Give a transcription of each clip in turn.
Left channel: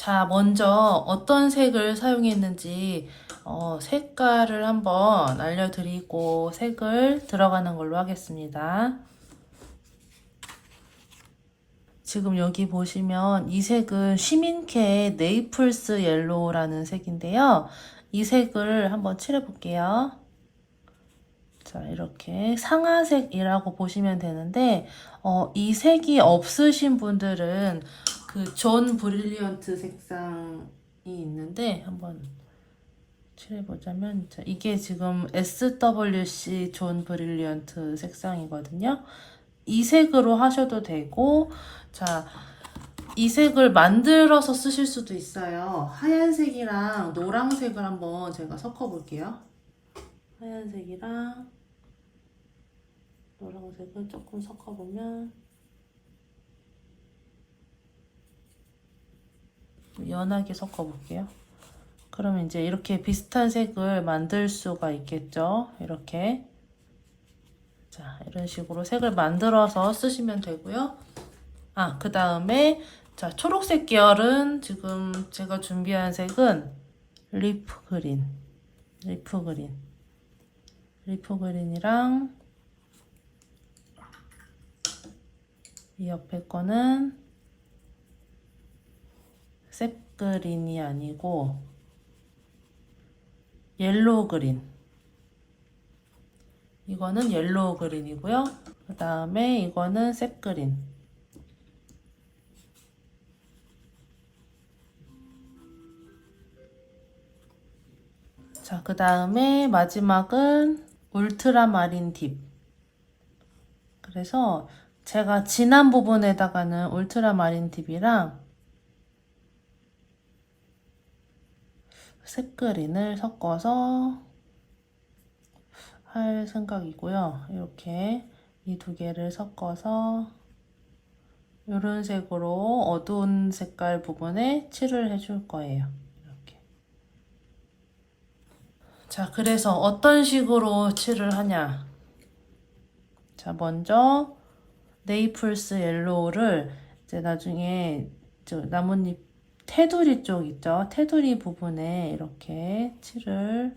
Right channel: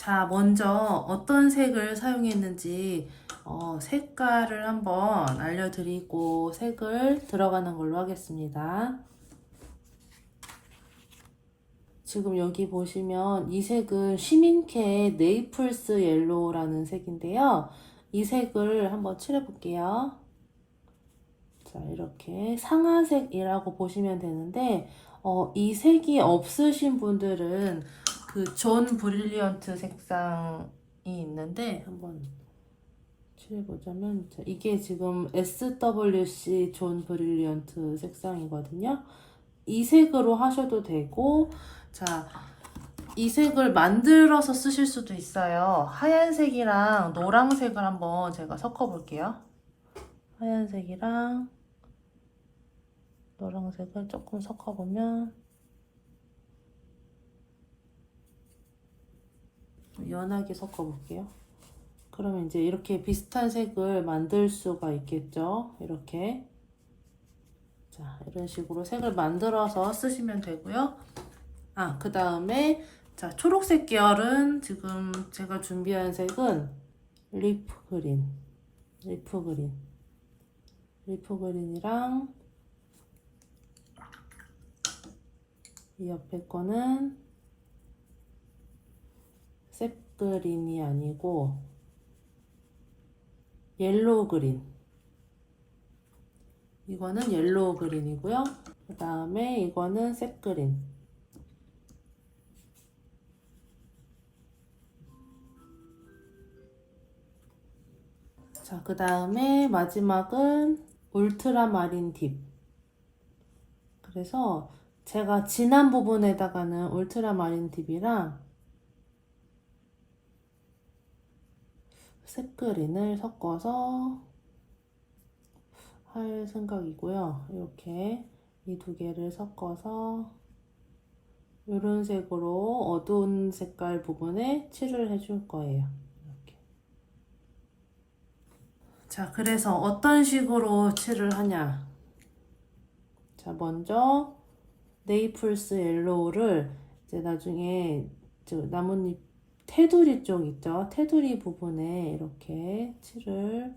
자, 먼저 어떤 색을 사용했는지 색깔을 한번 알려드리고 색을 들어가는 걸로 하겠습니다. 지금 여기 보시면 이 색은 시민케의 네이플스 옐로우라는 색인데요. 이 색을 한번 칠해 볼게요. 자, 이렇게 상아색이라고 보시면 되는데 이 색이 없으신 분들은 그 존 브릴리언트 색상이 있는데 한번 칠해보자면, 자, 이게 지금 SWC 존 브릴리언트 색상이거든요. 이 색으로 하셔도 되고, 자, 이 색을 만들어서 쓰실 수도 있어요. 하얀색이랑 노란색을 한번 제가 섞어 볼게요. 하얀색이랑 노란색을 조금 섞어보면 좀 연하게 섞어볼게요. 그러면 이제 이렇게 비슷한 색을 만들 수가 있겠죠. 이렇게. 자, 이런 식으로 색을 만들어서 쓰시면 되고요. 그 다음에 자, 초록색 계열은 지금 제가 준비한 색은 리프 그린. 리프 그린이랑 이 옆에 거는 셉 그린이 아니고 옐로우 그린. 이거는 옐로우 그린이고요. 그 다음에 이거는 셉 그린. 자, 그 다음에 마지막은 울트라마린 딥. 그래서 제가 진한 부분에다가는 울트라마린 딥이랑 색 그린을 섞어서 할 생각이고요. 이렇게 이 두 개를 섞어서 이런 색으로 어두운 색깔 부분에 칠을 해줄 거예요. 이렇게. 자, 그래서 어떤 식으로 칠을 하냐. 자, 먼저 네이플스 옐로우를 이제 나중에 저 나뭇잎 테두리 쪽 있죠? 테두리 부분에 이렇게 칠을.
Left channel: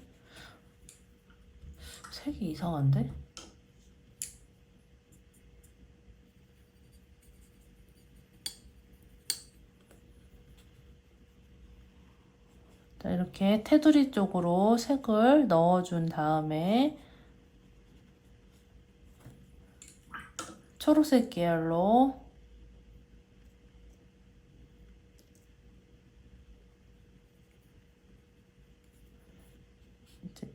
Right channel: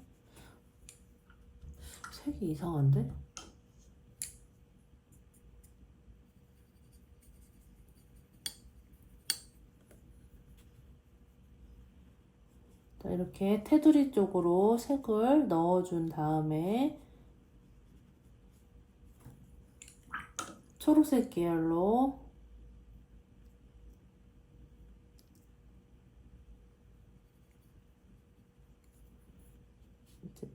색이 이상한데? 자, 이렇게 테두리 쪽으로 색을 넣어준 다음에 초록색 계열로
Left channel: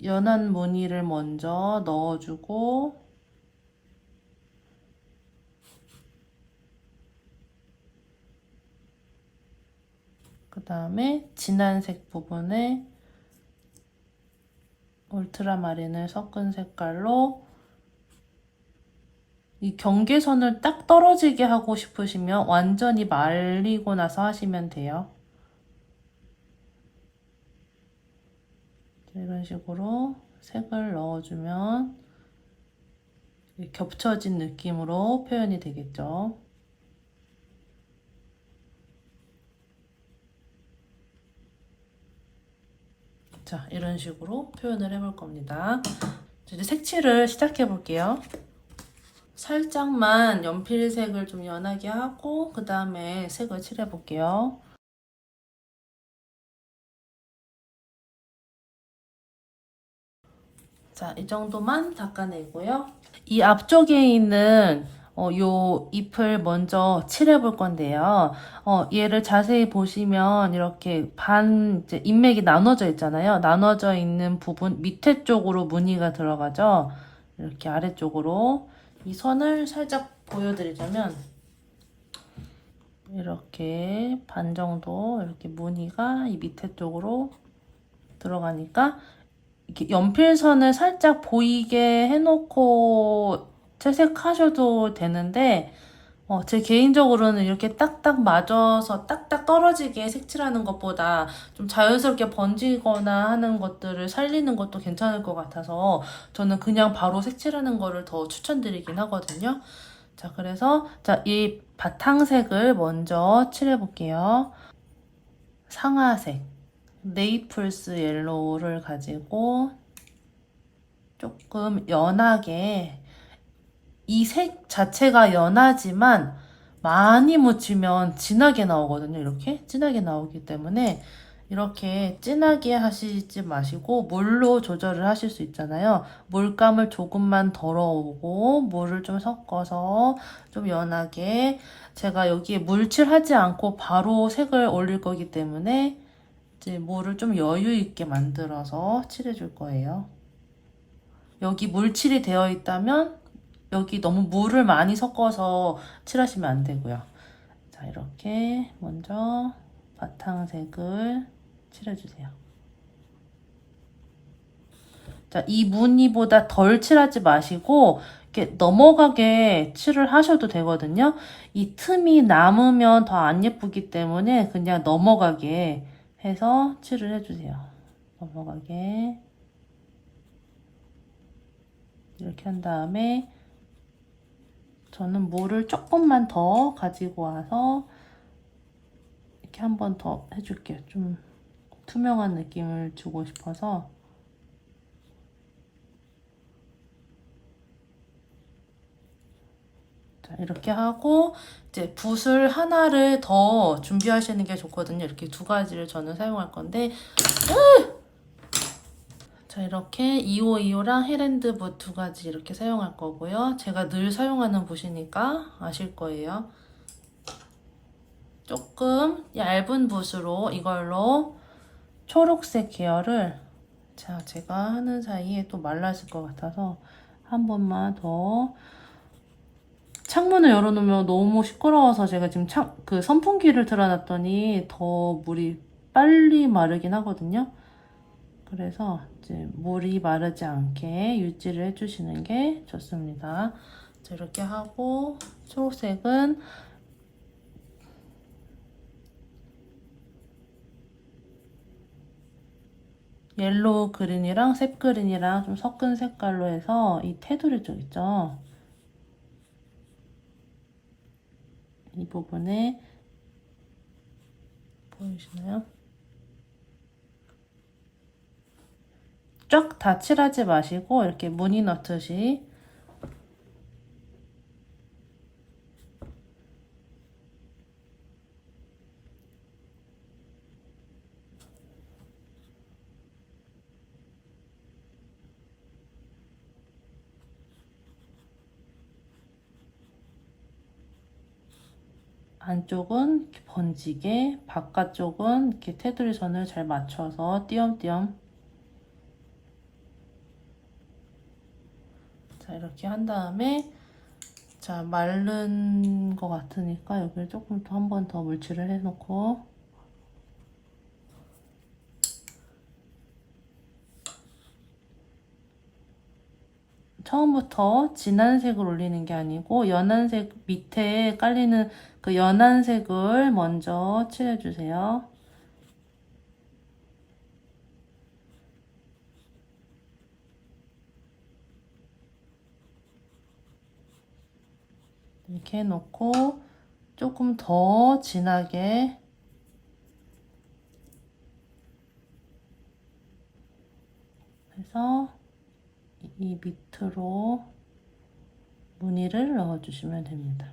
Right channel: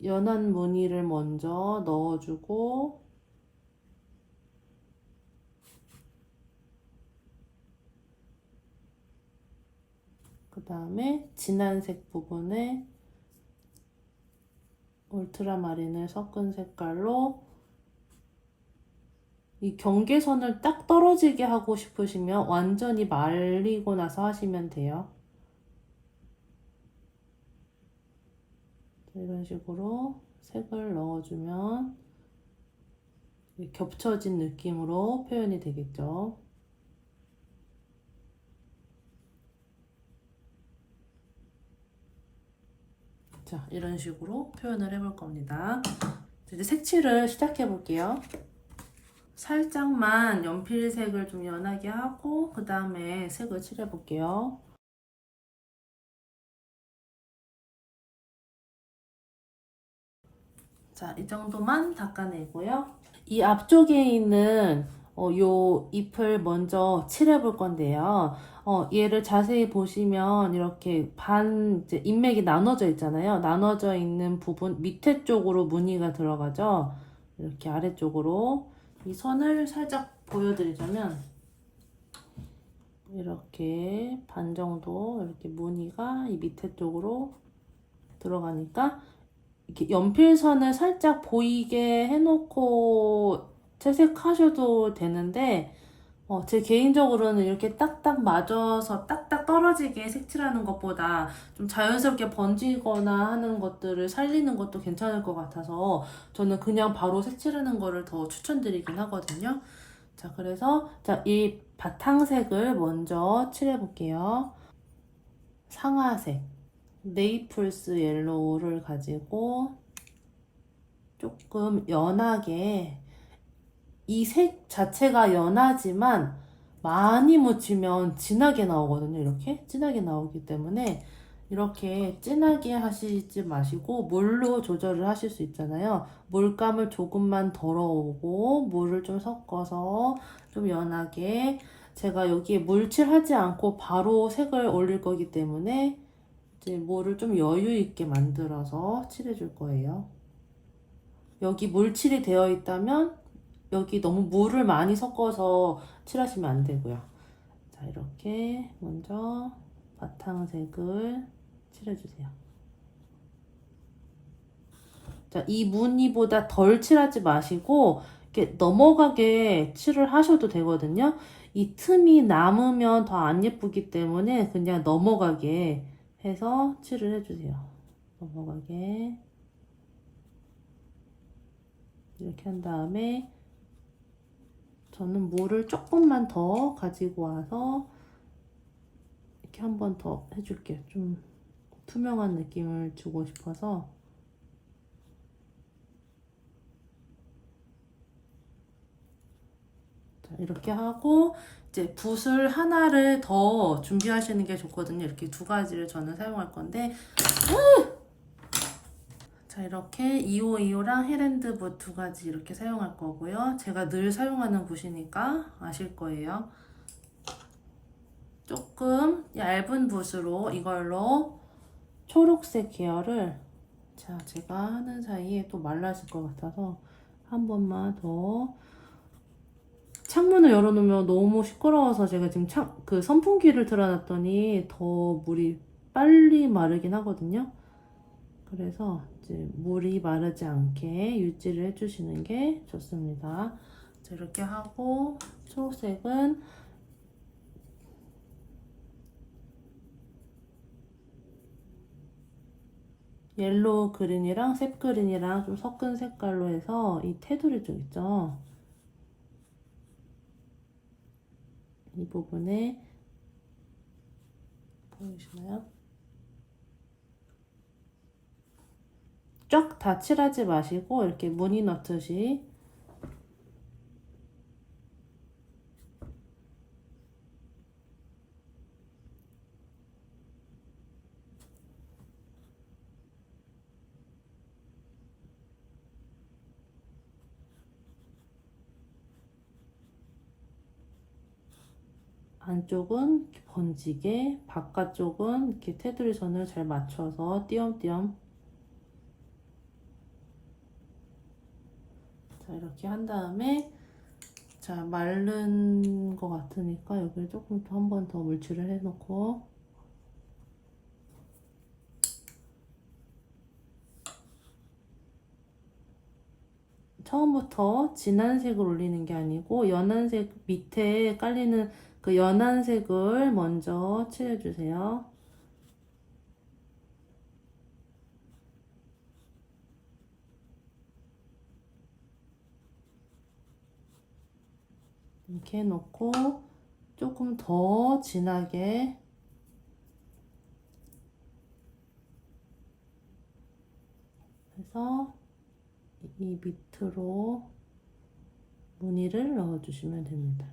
연한 무늬를 먼저 넣어주고, 그 다음에 진한 색 부분에 울트라마린을 섞은 색깔로 이 경계선을 딱 떨어지게 하고 싶으시면 완전히 말리고 나서 하시면 돼요. 이런 식으로 색을 넣어주면 겹쳐진 느낌으로 표현이 되겠죠. 자, 이런 식으로 표현을 해볼 겁니다. 이제 색칠을 시작해 볼게요. 살짝만 연필색을 좀 연하게 하고 그 다음에 색을 칠해 볼게요. 자, 이 정도만 닦아내고요. 이 앞쪽에 있는 요 잎을 먼저 칠해 볼 건데요. 얘를 자세히 보시면 이렇게 이제 잎맥이 나눠져 있잖아요. 나눠져 있는 부분 밑에 쪽으로 무늬가 들어가죠. 이렇게 아래쪽으로 이 선을 살짝 보여드리자면 이렇게 반 정도 이렇게 무늬가 이 밑에 쪽으로 들어가니까 이렇게 연필선을 살짝 보이게 해놓고 채색하셔도 되는데 제 개인적으로는 이렇게 딱딱 맞아서 딱딱 떨어지게 색칠하는 것보다 좀 자연스럽게 번지거나 하는 것들을 살리는 것도 괜찮을 것 같아서 저는 그냥 바로 색칠하는 거를 더 추천드리긴 하거든요. 자, 그래서 자, 이 바탕색을 먼저 칠해 볼게요. 상아색 네이플스 옐로우를 가지고 조금 연하게, 이 색 자체가 연하지만 많이 묻히면 진하게 나오거든요. 이렇게 진하게 나오기 때문에 이렇게 진하게 하시지 마시고 물로 조절을 하실 수 있잖아요. 물감을 조금만 덜어오고 물을 좀 섞어서 좀 연하게, 제가 여기에 물칠하지 않고 바로 색을 올릴 거기 때문에 이제 물을 좀 여유 있게 만들어서 칠해 줄 거예요. 여기 물칠이 되어 있다면 여기 너무 물을 많이 섞어서 칠하시면 안 되고요. 자, 이렇게 먼저 바탕색을 칠해주세요. 자, 이 무늬보다 덜 칠하지 마시고 이렇게 넘어가게 칠을 하셔도 되거든요. 이 틈이 남으면 더 안 예쁘기 때문에 그냥 넘어가게 해서 칠을 해주세요. 넘어가게 이렇게 한 다음에 저는 물을 조금만 더 가지고 와서 이렇게 한 번 더 해줄게요. 좀 투명한 느낌을 주고 싶어서. 자, 이렇게 하고 이제 붓을 하나를 더 준비하시는 게 좋거든요. 이렇게 두 가지를 저는 사용할 건데, 자, 이렇게 2525랑 헤랜드 붓 두 가지 이렇게 사용할 거고요. 제가 늘 사용하는 붓이니까 아실 거예요. 조금 얇은 붓으로 이걸로 초록색 계열을, 자, 제가 하는 사이에 또 말랐을 것 같아서 한 번만 더. 창문을 열어놓으면 너무 시끄러워서 제가 지금 그 선풍기를 틀어놨더니 더 물이 빨리 마르긴 하거든요. 그래서 이제 물이 마르지 않게 유지를 해주시는 게 좋습니다. 자, 이렇게 하고 초록색은 옐로우 그린이랑 셉 그린이랑 좀 섞은 색깔로 해서 이 테두리 쪽 있죠? 이 부분에 보이시나요? 쫙 다 칠하지 마시고 이렇게 무늬 넣듯이 안쪽은 이렇게 번지게, 바깥쪽은 이렇게 테두리 선을 잘 맞춰서 띄엄띄엄. 자, 이렇게 한 다음에, 자, 마른 것 같으니까 여기를 조금 더 한 번 더 물칠을 해놓고, 처음부터 진한 색을 올리는 게 아니고 연한 색 밑에 깔리는 그 연한 색을 먼저 칠해주세요. 이렇게 해놓고 조금 더 진하게 해서 이 밑으로 무늬를 넣어주시면 됩니다.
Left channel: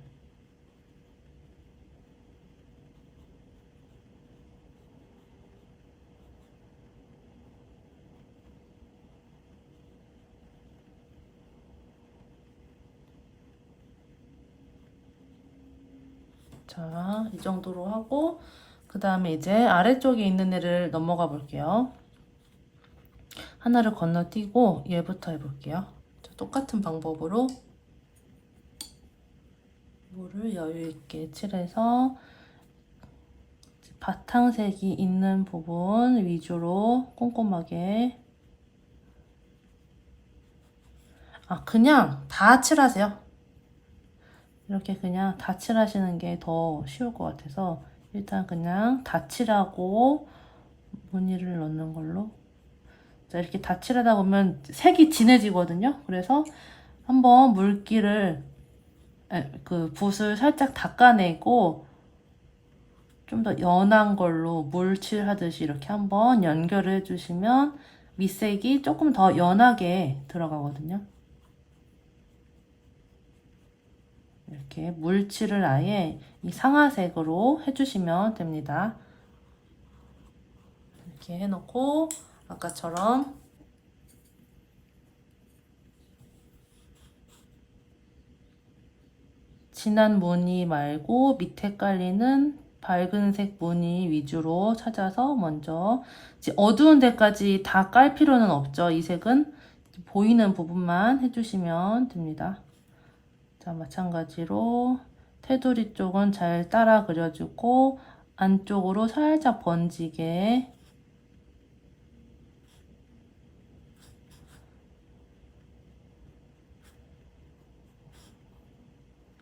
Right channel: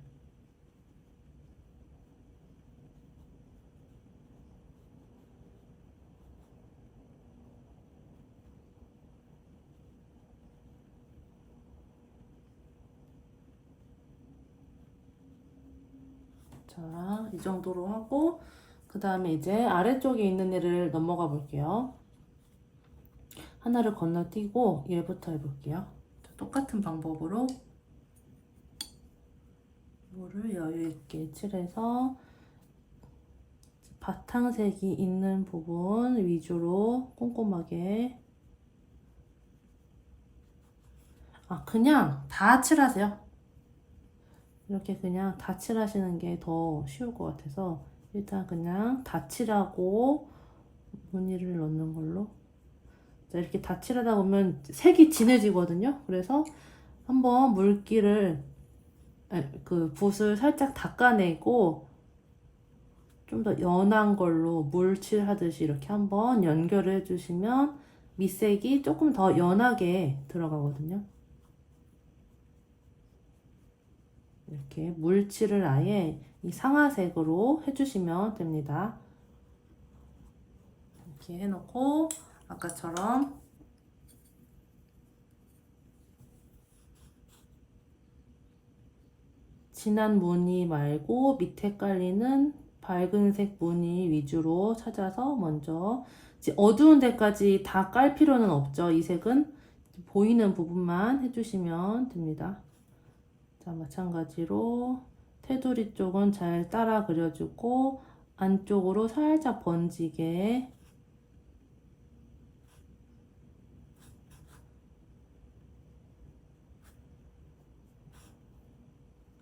자, 이 정도로 하고 그 다음에 이제 아래쪽에 있는 애를 넘어가 볼게요. 하나를 건너뛰고 얘부터 해볼게요. 자, 똑같은 방법으로 이거를 여유 있게 칠해서 바탕색이 있는 부분 위주로 꼼꼼하게, 그냥 다 칠하세요. 이렇게 그냥 다 칠하시는 게 더 쉬울 것 같아서 일단 그냥 다 칠하고 무늬를 넣는 걸로. 자, 이렇게 다 칠하다 보면 색이 진해지거든요. 그래서 한번 물기를, 그 붓을 살짝 닦아내고 좀 더 연한 걸로 물칠하듯이 이렇게 한번 연결을 해주시면 밑색이 조금 더 연하게 들어가거든요. 이렇게 물칠을 아예 이 상아색으로 해주시면 됩니다. 이렇게 해놓고 아까처럼 진한 무늬 말고 밑에 깔리는 밝은색 무늬 위주로 찾아서 먼저 어두운 데까지 다 깔 필요는 없죠. 이 색은 보이는 부분만 해주시면 됩니다. 자, 마찬가지로 테두리 쪽은 잘 따라 그려주고 안쪽으로 살짝 번지게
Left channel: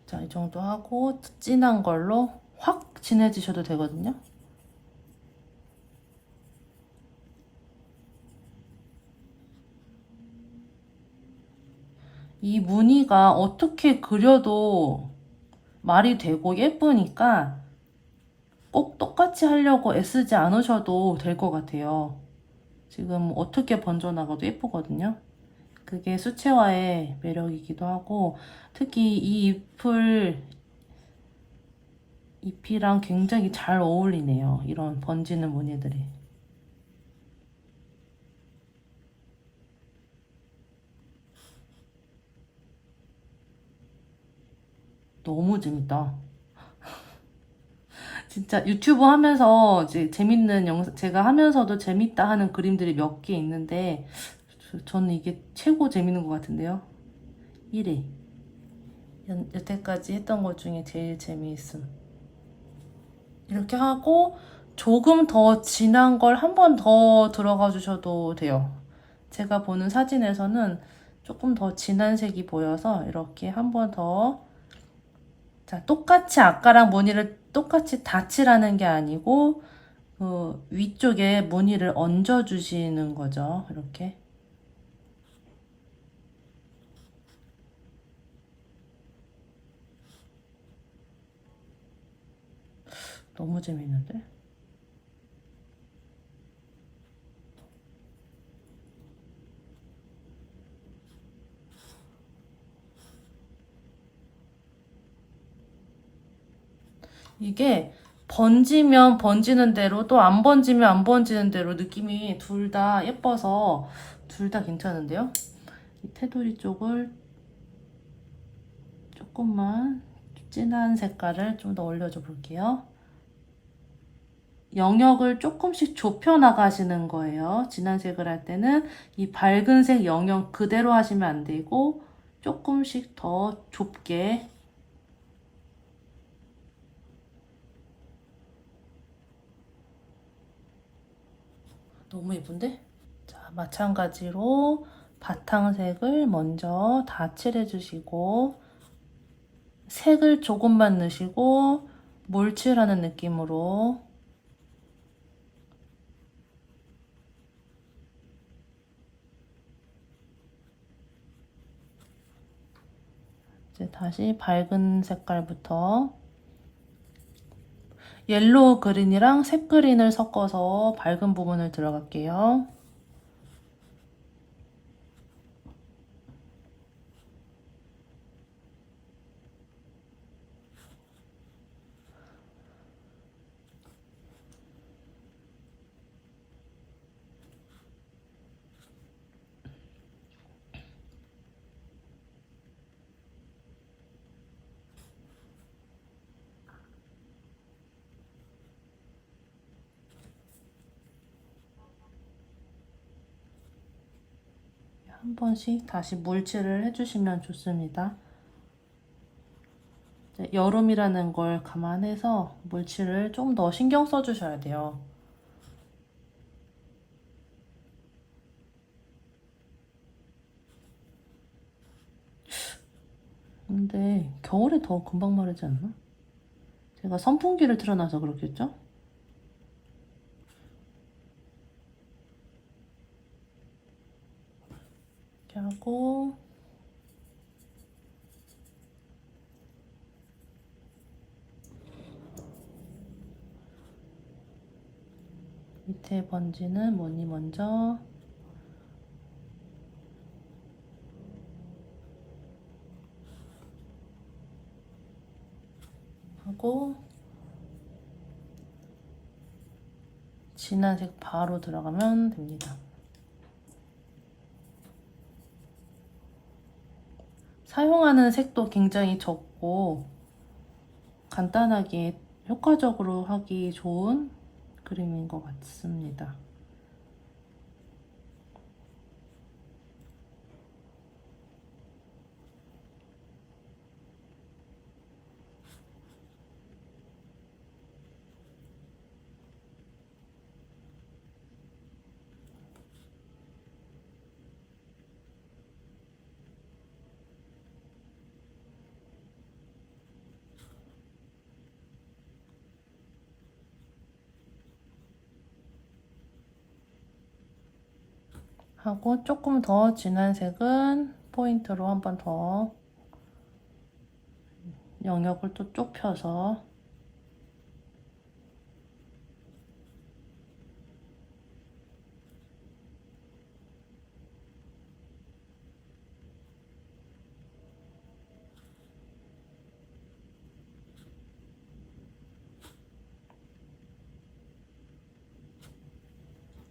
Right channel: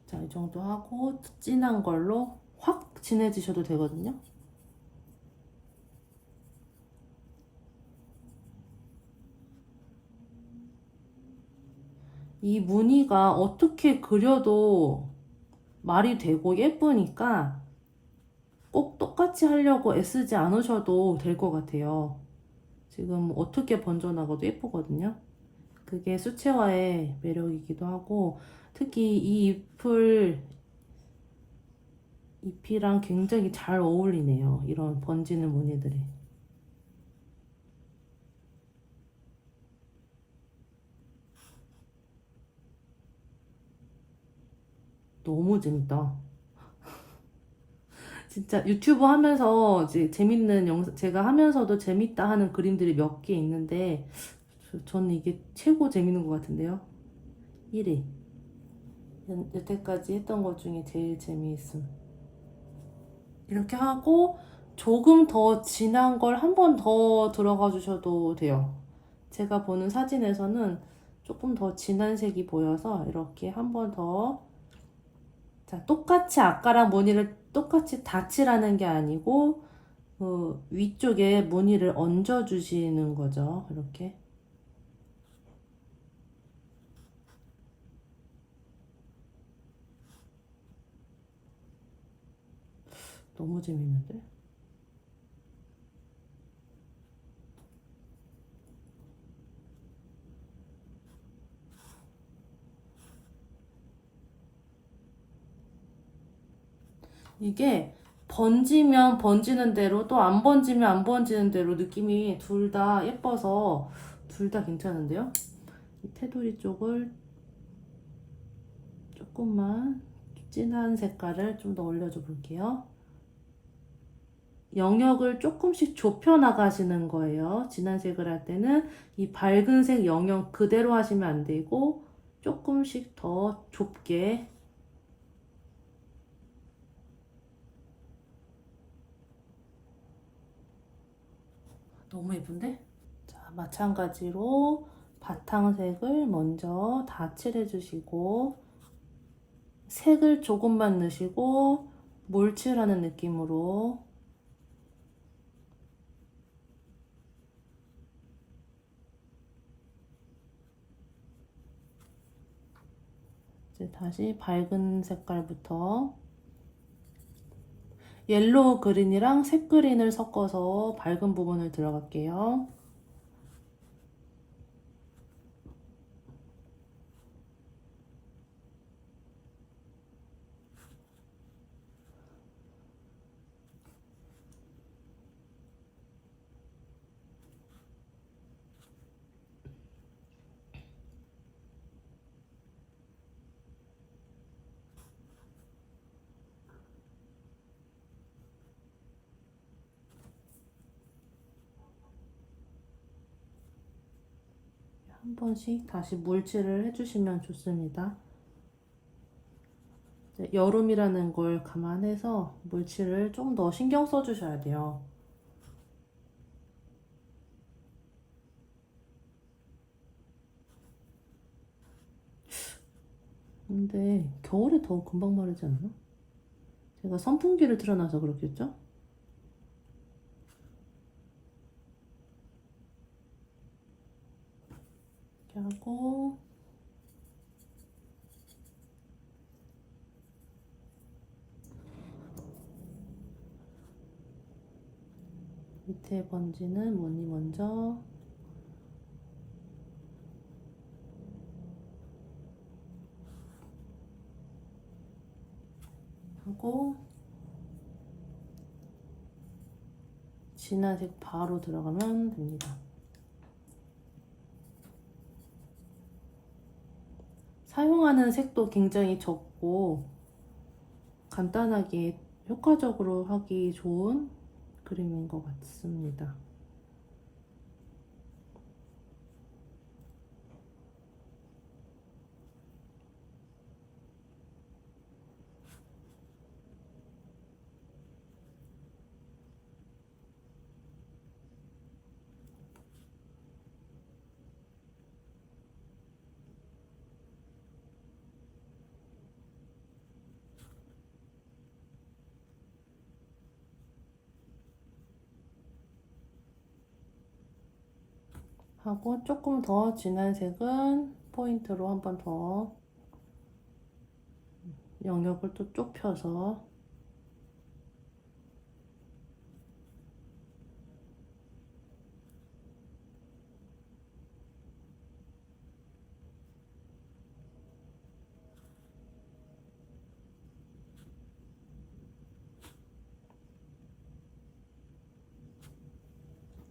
자, 이 정도 하고 진한 걸로 확 진해지셔도 되거든요. 이 무늬가 어떻게 그려도 말이 되고 예쁘니까 꼭 똑같이 하려고 애쓰지 않으셔도 될 것 같아요. 지금 어떻게 번져나가도 예쁘거든요. 그게 수채화의 매력이기도 하고 특히 이 잎이랑 굉장히 잘 어울리네요. 이런 번지는 무늬들이. 너무 재밌다. 진짜 유튜브 하면서 이제 재밌는 영상, 제가 하면서도 재밌다 하는 그림들이 몇 개 있는데, 저는 이게 최고 재밌는 것 같은데요. 1위. 여태까지 했던 것 중에 제일 재미있음. 이렇게 하고, 조금 더 진한 걸 한 번 더 들어가 주셔도 돼요. 제가 보는 사진에서는 조금 더 진한 색이 보여서 이렇게 한 번 더 자, 똑같이 아까랑 무늬를 똑같이 다 칠하는 게 아니고 그 위쪽에 무늬를 얹어 주시는 거죠. 이렇게. 너무 재밌는데? 이게 번지면 번지는 대로 또 안 번지면 안 번지는 대로 느낌이 둘 다 예뻐서 둘 다 괜찮은데요? 이 테두리 쪽을 조금만 진한 색깔을 좀 더 올려줘 볼게요. 영역을 조금씩 좁혀 나가시는 거예요. 진한 색을 할 때는 이 밝은 색 영역 그대로 하시면 안 되고 조금씩 더 좁게 너무 예쁜데? 자, 마찬가지로 바탕색을 먼저 다 칠해주시고 색을 조금만 넣으시고 몰칠하는 느낌으로 이제 다시 밝은 색깔부터 옐로우 그린이랑 색 그린을 섞어서 밝은 부분을 들어갈게요. 한 번씩 다시 물칠을 해주시면 좋습니다. 여름이라는 걸 감안해서 물칠을 좀 더 신경 써주셔야 돼요. 근데 겨울에 더 금방 마르지 않나? 제가 선풍기를 틀어놔서 그렇겠죠? 이렇게 하고 밑에 번지는 무늬 먼저 하고 진한 색 바로 들어가면 됩니다. 사용하는 색도 굉장히 적고 간단하게 효과적으로 하기 좋은 그림인 것 같습니다. 하고 조금 더 진한 색은 포인트로 한 번 더 영역을 또 좁혀서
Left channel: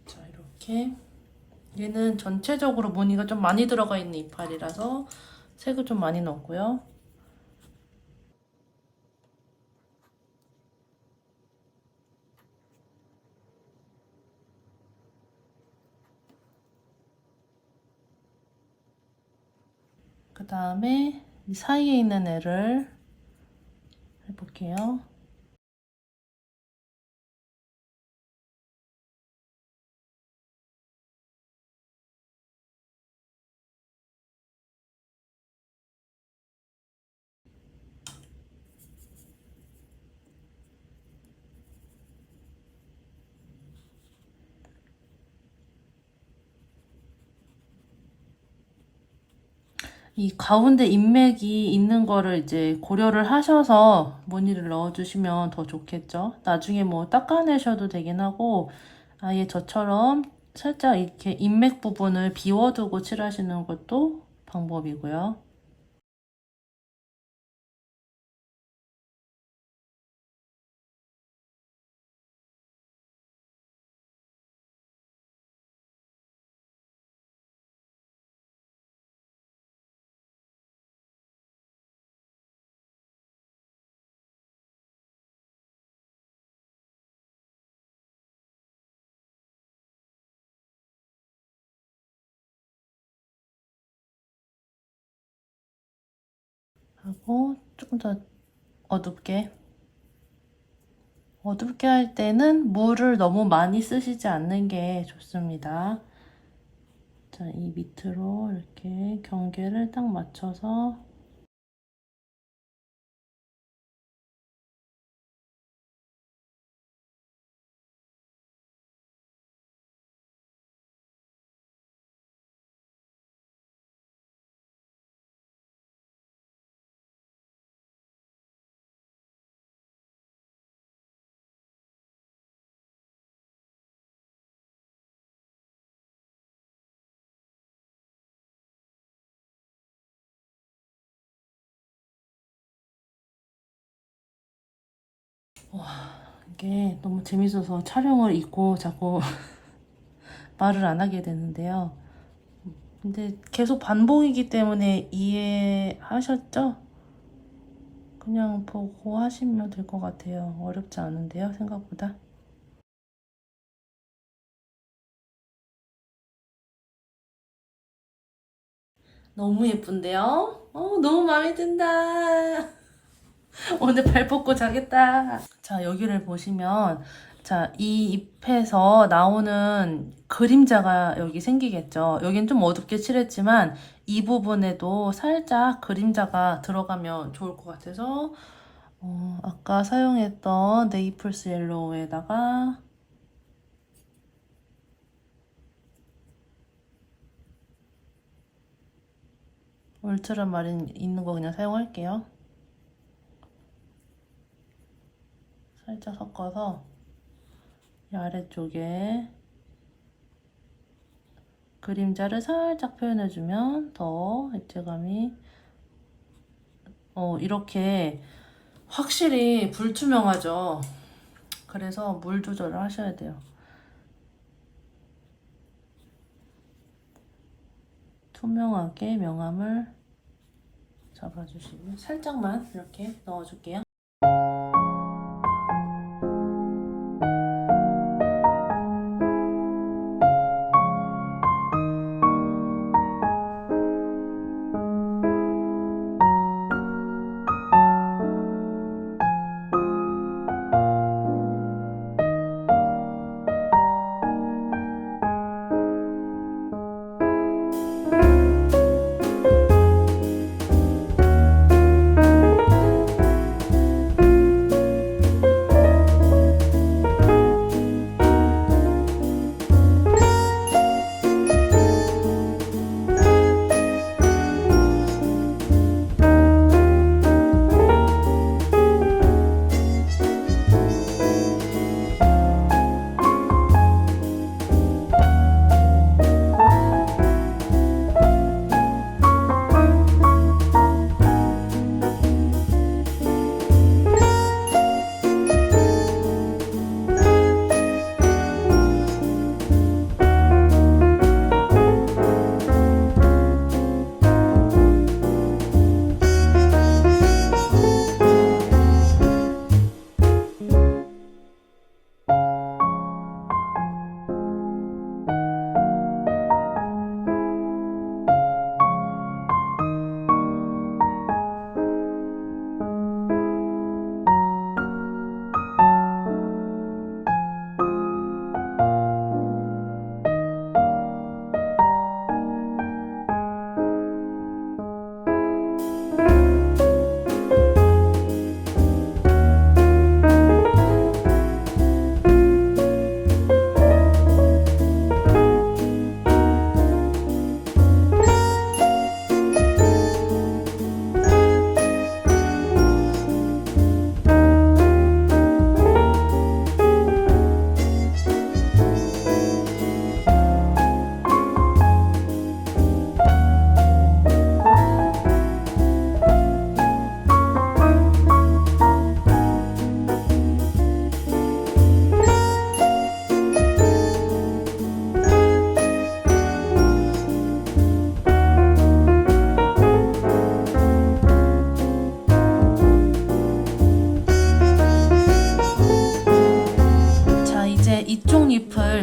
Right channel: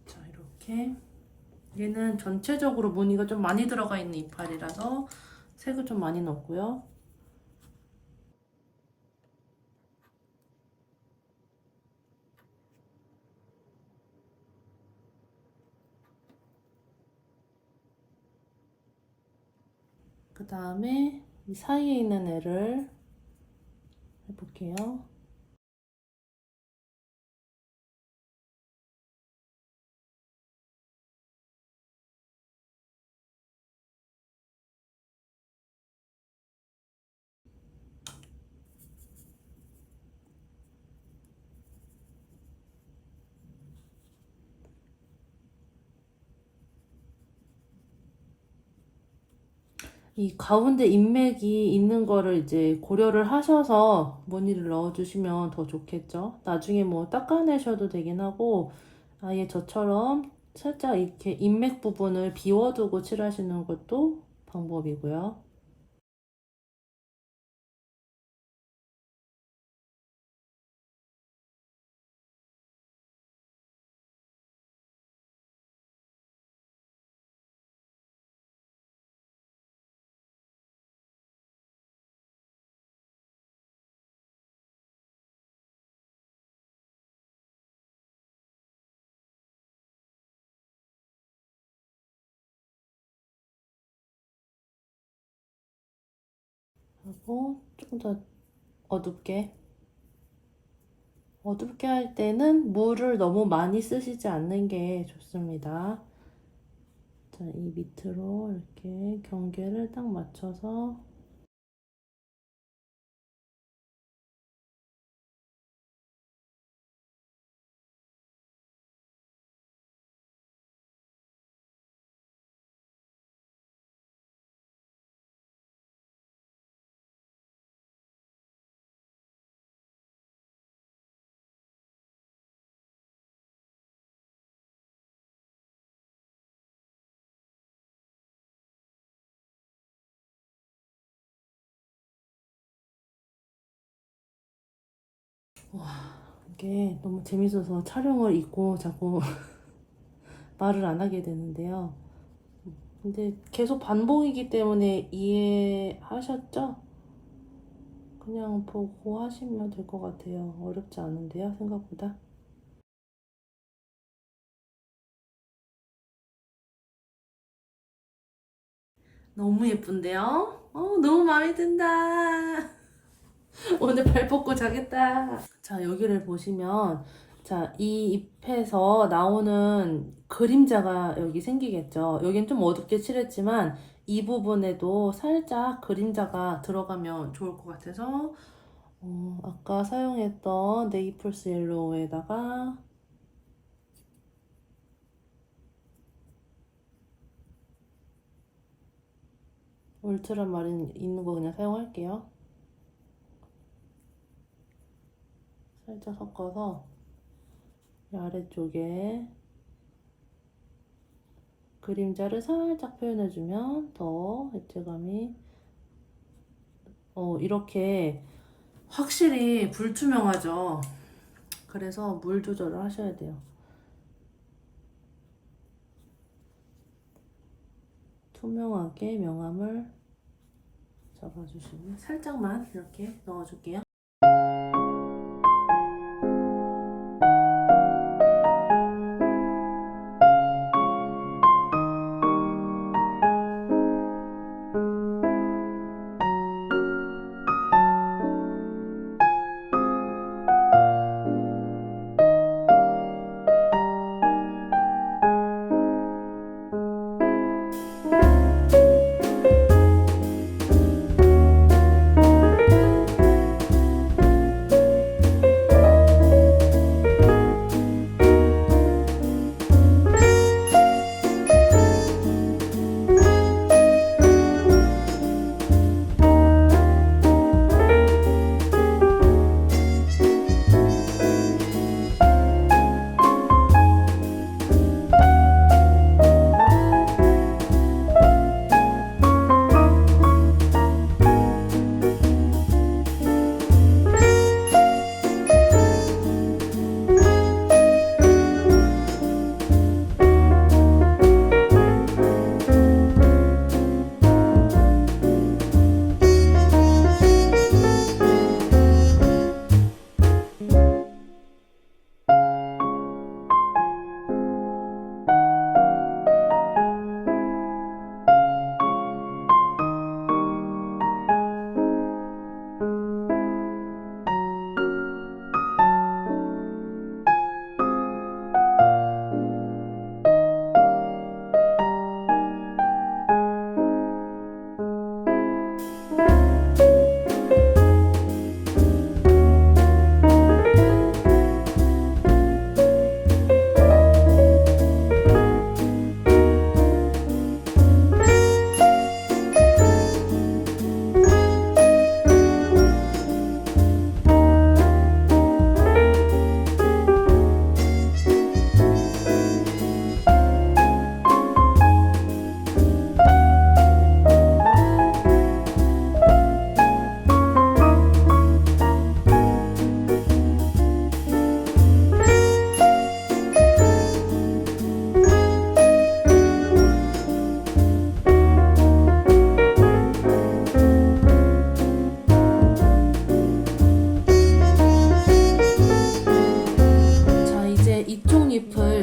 자 이렇게 얘는 전체적으로 무늬가 좀 많이 들어가 있는 이파리라서 색을 좀 많이 넣었고요. 그 다음에 이 사이에 있는 애를 해볼게요. 이 가운데 인맥이 있는 거를 이제 고려를 하셔서 무늬를 넣어주시면 더 좋겠죠. 나중에 뭐 닦아내셔도 되긴 하고 아예 저처럼 살짝 이렇게 인맥 부분을 비워두고 칠하시는 것도 방법이고요. 하고 조금 더 어둡게 어둡게 할 때는 물을 너무 많이 쓰시지 않는 게 좋습니다. 자, 이 밑으로 이렇게 경계를 딱 맞춰서 와, 이게 너무 재밌어서 촬영을 잊고 자꾸 말을 안 하게 되는데요. 근데 계속 반복이기 때문에 이해하셨죠? 그냥 보고 하시면 될 것 같아요. 어렵지 않은데요, 생각보다. 너무 예쁜데요? 너무 마음에 든다. 오늘 발 뻗고 자겠다. 자, 여기를 보시면, 자, 이 잎에서 나오는 그림자가 여기 생기겠죠. 여긴 좀 어둡게 칠했지만, 이 부분에도 살짝 그림자가 들어가면 좋을 것 같아서, 아까 사용했던 네이플스 옐로우에다가 울트라마린 있는 거 그냥 사용할게요. 살짝 섞어서 이 아래쪽에 그림자를 살짝 표현해주면 더 입체감이 이렇게 확실히 불투명하죠. 그래서 물 조절을 하셔야 돼요. 투명하게 명암을 잡아주시고 살짝만 이렇게 넣어줄게요.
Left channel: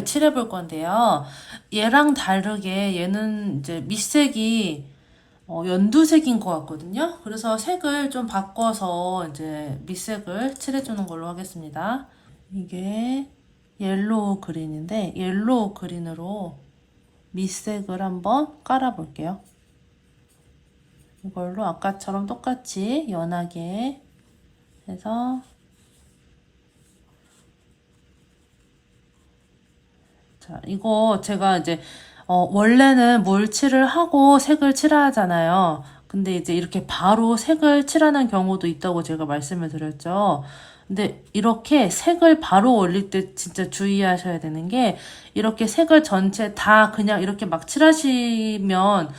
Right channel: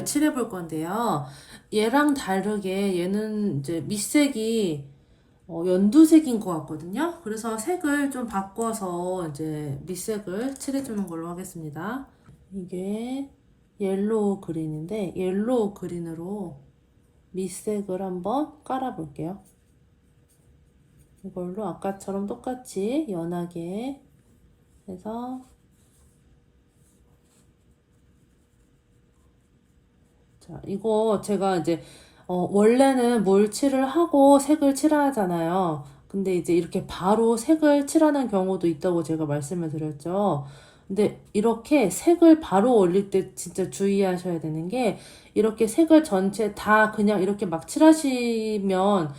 칠해볼 건데요. 얘랑 다르게 얘는 이제 밑색이 연두색인 것 같거든요. 그래서 색을 좀 바꿔서 이제 밑색을 칠해주는 걸로 하겠습니다. 이게 옐로우 그린인데 옐로우 그린으로 밑색을 한번 깔아볼게요. 이걸로 아까처럼 똑같이 연하게 해서 자, 이거 제가 이제 원래는 물칠을 하고 색을 칠하잖아요. 근데 이제 이렇게 바로 색을 칠하는 경우도 있다고 제가 말씀을 드렸죠. 근데 이렇게 색을 바로 올릴 때 진짜 주의하셔야 되는 게 이렇게 색을 전체 다 그냥 이렇게 막 칠하시면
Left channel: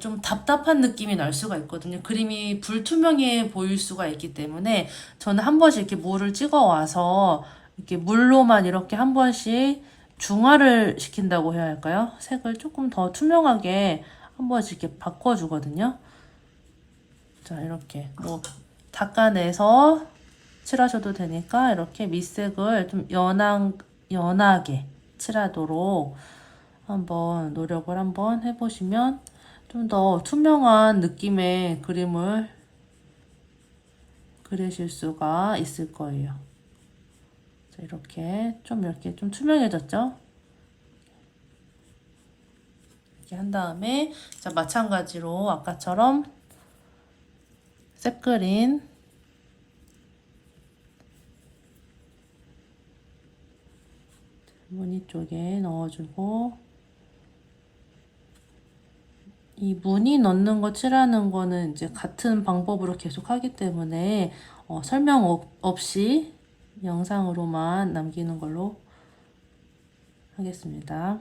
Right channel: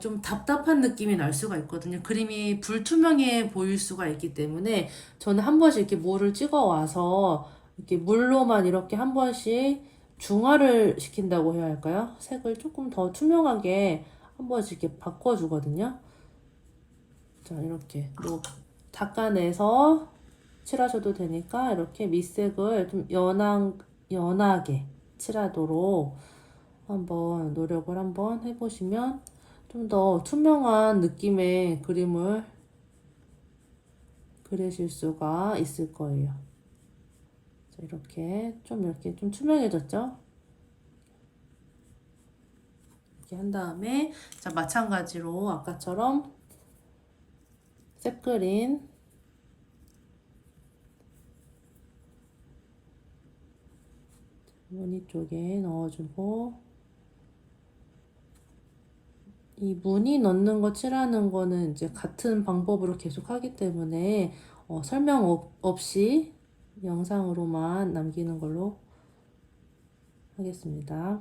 좀 답답한 느낌이 날 수가 있거든요. 그림이 불투명해 보일 수가 있기 때문에 저는 한 번씩 이렇게 물을 찍어 와서 이렇게 물로만 이렇게 한 번씩 중화를 시킨다고 해야 할까요? 색을 조금 더 투명하게 한 번씩 이렇게 바꿔주거든요. 자, 이렇게 뭐 닦아내서 칠하셔도 되니까 이렇게 밑색을 좀 연하게 칠하도록 한번 노력을 한번 해보시면 좀 더 투명한 느낌의 그림을 그리실 수가 있을 거예요. 자, 이렇게 좀 투명해졌죠? 이렇게 한 다음에 자, 마찬가지로 아까처럼 색 그린 무늬 쪽에 넣어주고 이 무늬 넣는 거 칠하는 거는 이제 같은 방법으로 계속 하기 때문에 설명 없이 영상으로만 남기는 걸로 하겠습니다.